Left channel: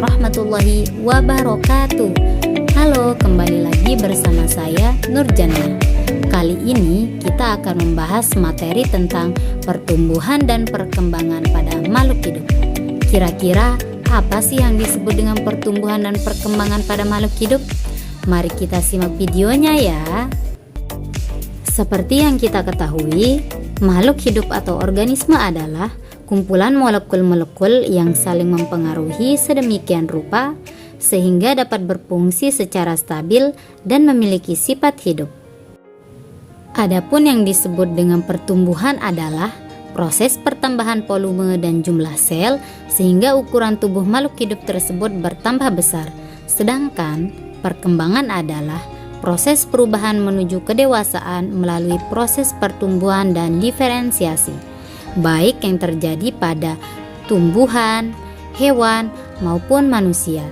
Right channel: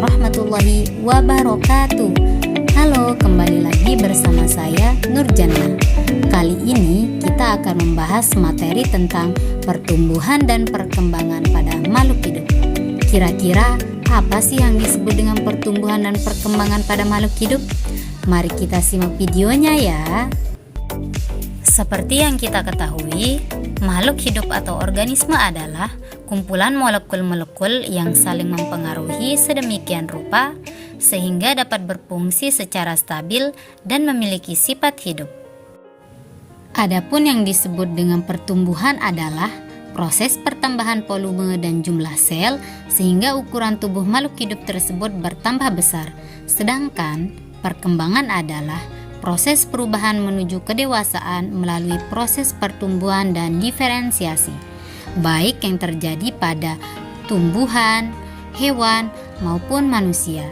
warahmatullahi wabarakatuh. Halo, kembali lagi bersama saya Nurjana. Kali ini kita akan membahas materi tentang pertumbuhan dan perkembangan pada makhluk hidup. Kira-kira apa sih yang disebut dengan pertumbuhan dan perkembangan pada makhluk hidup? Mari kita simak videonya ya. Seperti yang kita ketahui, makhluk hidup atau organisme adalah kumpulan molekul-molekul yang saling mempengaruhi sedemikian rupa sehingga dapat berfungsi secara stabil dan memiliki sifat hidup. Adapun yang disebut dengan pertumbuhan adalah proses pertambahan volume dan jumlah sel sehingga ukuran tubuh makhluk hidup tersebut bertambah besar. Sedangkan perkembangan adalah proses perubahan menuju kedewasaan melalui proses pertumbuhan dan diferensiasi, baik yang terjadi pada tumbuhan, hewan, maupun manusia.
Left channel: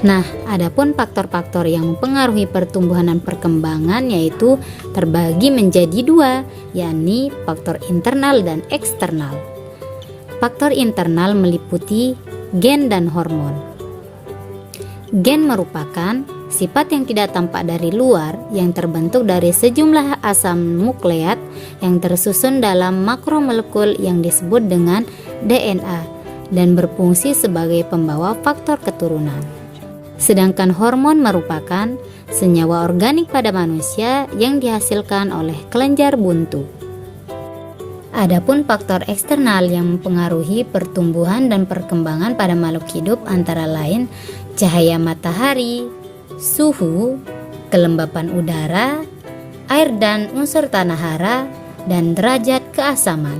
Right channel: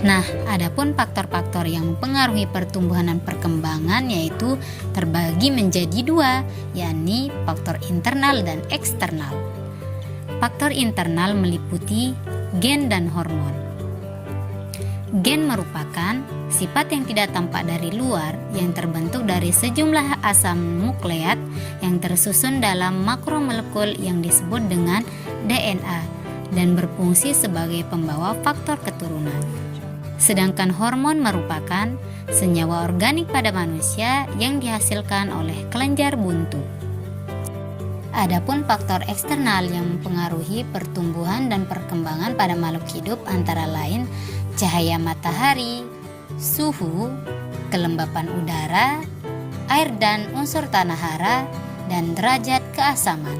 Nah, adapun faktor-faktor yang mempengaruhi pertumbuhan dan perkembangan yaitu terbagi menjadi dua, yakni faktor internal dan eksternal. Faktor internal meliputi gen dan hormon. Gen merupakan sifat yang tidak tampak dari luar yang terbentuk dari sejumlah asam nukleat yang tersusun dalam makromolekul yang disebut dengan DNA dan berfungsi sebagai pembawa faktor keturunan. Sedangkan hormon merupakan senyawa organik pada manusia yang dihasilkan oleh kelenjar buntu. Adapun faktor eksternal yang mempengaruhi pertumbuhan dan perkembangan pada makhluk hidup antara lain cahaya matahari, suhu, kelembapan udara, air dan unsur tanah hara, dan derajat keasaman.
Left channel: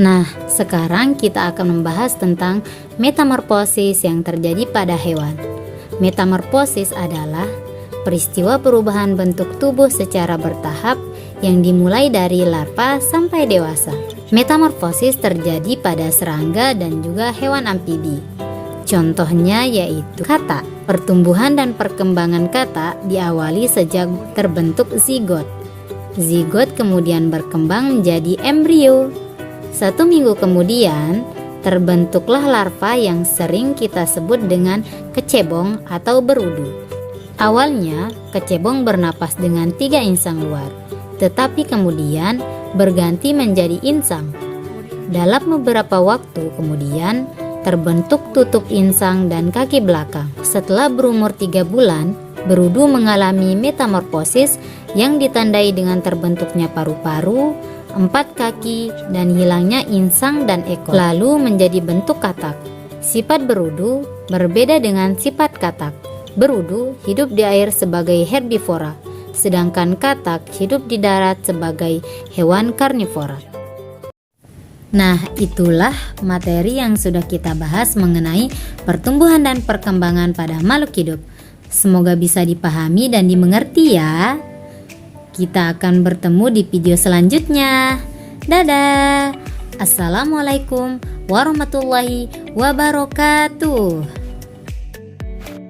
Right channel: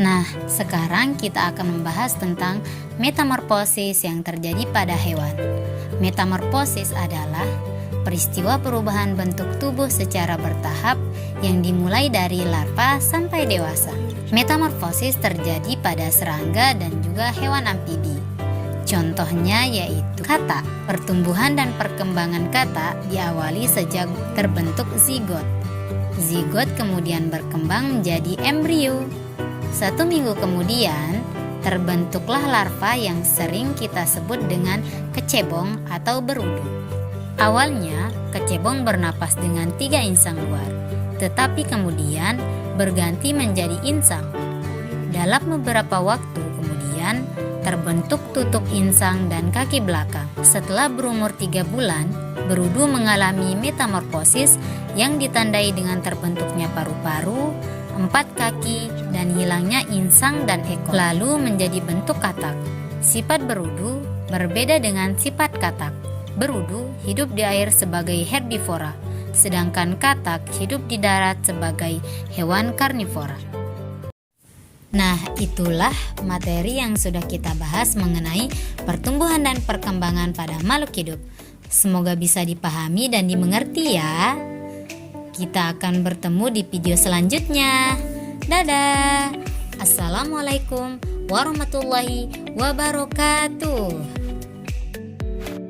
Nah, sekarang kita akan membahas tentang metamorfosis yang terjadi pada hewan. Metamorfosis adalah peristiwa perubahan bentuk tubuh secara bertahap yang dimulai dari larva sampai dewasa. Metamorfosis terjadi pada serangga dan juga hewan amfibi. Contohnya yaitu katak. Pertumbuhan dan perkembangan katak diawali sejak terbentuk zigot. Zigot kemudian berkembang menjadi embrio. 1 minggu kemudian terbentuklah larva yang sering kita sebut dengan kecebong atau berudu. Awalnya kecebong bernapas dengan 3 insang luar, tetapi kemudian berganti menjadi insang. Dalam beberapa waktu kemudian terbentuk tutup insang dan kaki belakang. Setelah berumur 3 bulan, berudu mengalami metamorfosis yang ditandai dengan terbentuknya paru-paru, 4 kaki, dan hilangnya insang dan ekor, lalu menjadi bentuk katak. Sifat berudu berbeda dengan sifat katak. Berudu hidup di air sebagai herbivora, sedangkan katak hidup di darat sebagai hewan karnivora. Nah, itulah materi yang sudah kita bahas mengenai pertumbuhan dan perkembangan pada makhluk hidup. Semoga bisa dipahami dan dimengerti ya. Kita akan bertemu di video selanjutnya. Dadah. Assalamualaikum warahmatullahi wabarakatuh.